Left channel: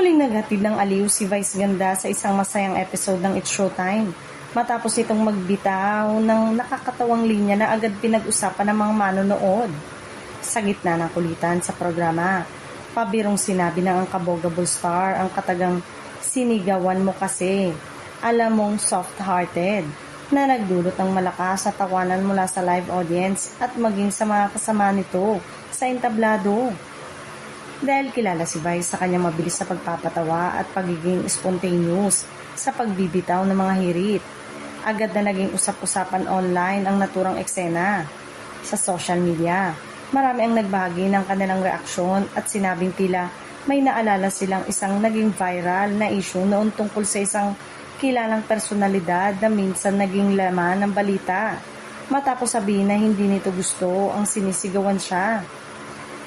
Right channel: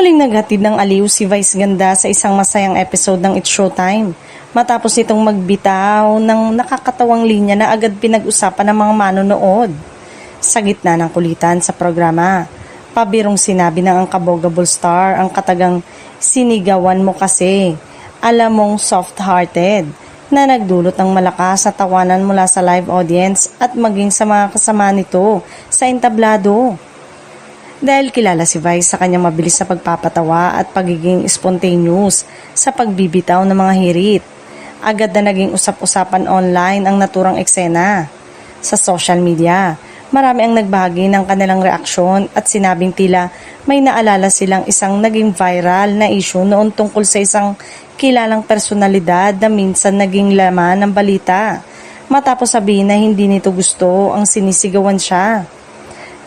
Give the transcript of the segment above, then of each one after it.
Muling naghatid ng aliw si Vice Ganda sa isang masayang episode ng It's Showtime matapos itong magbitaw ng nakakatawang linya na agad pinag-usapan ng mga manonood. Sa gitna ng kulitan sa programa, pabirong sinabi ng Unkabogaable star ang katagang "sinigawan mo kasi, alam mong soft-hearted", na nagdulot ng malakas na tawanan mula sa live audience at maging sa mga kasama nito sa entablado. Dahil kilala si Vice sa kanyang mabilis na pagpapatawa at pagiging spontaneous sa pagbibitaw ng mga hirit, agad na naging usap-usapan online ang naturang eksena. Sa social media, marami ang nagbahagi ng kanilang reaksyon at sinabing tila may naalala silang isang naging viral na issue noon tungkol sa isang kilalang personalidad na minsan naging laman ng balita matapos sabihin na hindi nito gusto ang sinisigawan siya.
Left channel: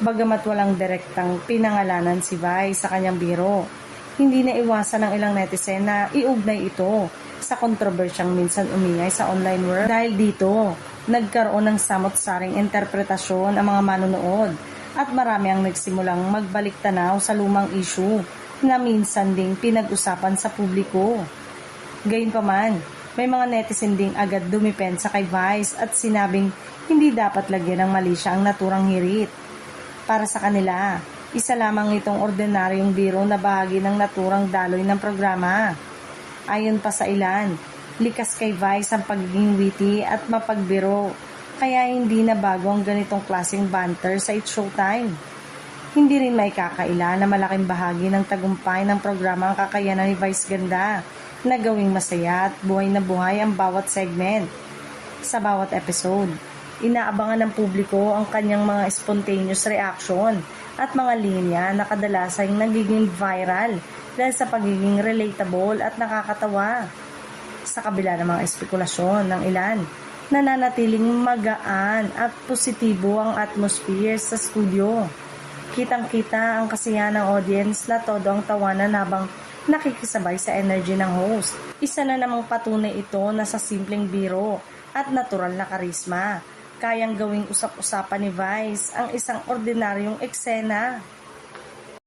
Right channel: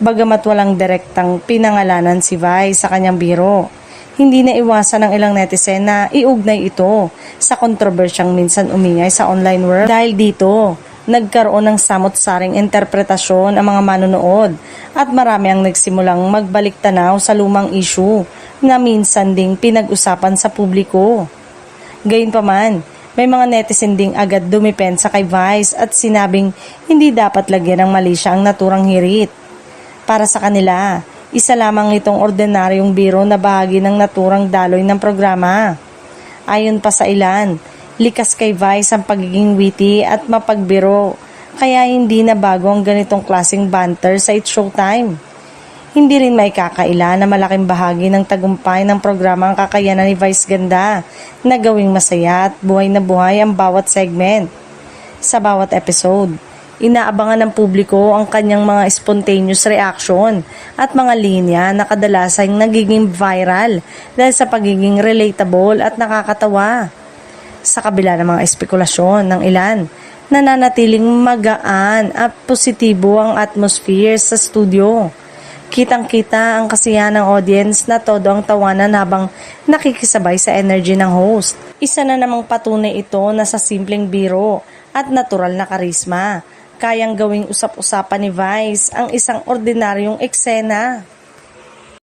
Bagamat walang direktang pinangalanan si Vice sa kanyang biro, hindi na iwasan ng ilang netizen na iugnay ito sa kontrobersyang minsan umingay sa online world. Dahil dito, nagkaroon ng samot-saring interpretasyon ang mga manonood at marami ang nagsimulang magbalik tanaw sa lumang issue na minsan ding pinag-usapan sa publiko. Gayunpaman, may mga netizen ding agad dumipensa kay Vice at sinabing hindi dapat lagyan ng mali siya ang naturang hirit. Para sa kanila, isa lamang itong ordinaryong biro na bahagi ng naturang daloy ng programa. Ayon pa sa ilan, likas kay Vice ang pagiging witty at mapagbiro, kaya hindi na bago ang ganitong klaseng banter sa It's Showtime. Hindi rin may kakaila na malaking bahagi ng tagumpay ng programa ang kakayanan ni Vice Ganda na gawing masaya at buhay na buhay ang bawat segment. Sa bawat episode, inaabangan ng publiko ang kanyang mga spontaneous reaction at mga linya na kadalasang nagiging viral dahil sa pagiging relatable at nakakatawa. Sa kabila ng mga espekulasyon ng ilan, nananatiling magaan at positibo ang atmosphere sa studio. Kitang-kita ang kasiyahan ng audience na todo ang tawanan habang nakikisabay sa energy ng host. Isa na namang patunay ito na sa simpleng biro at natural na karisma, kayang gawing usap-usapan ni Vice ang isang ordinaryong eksena.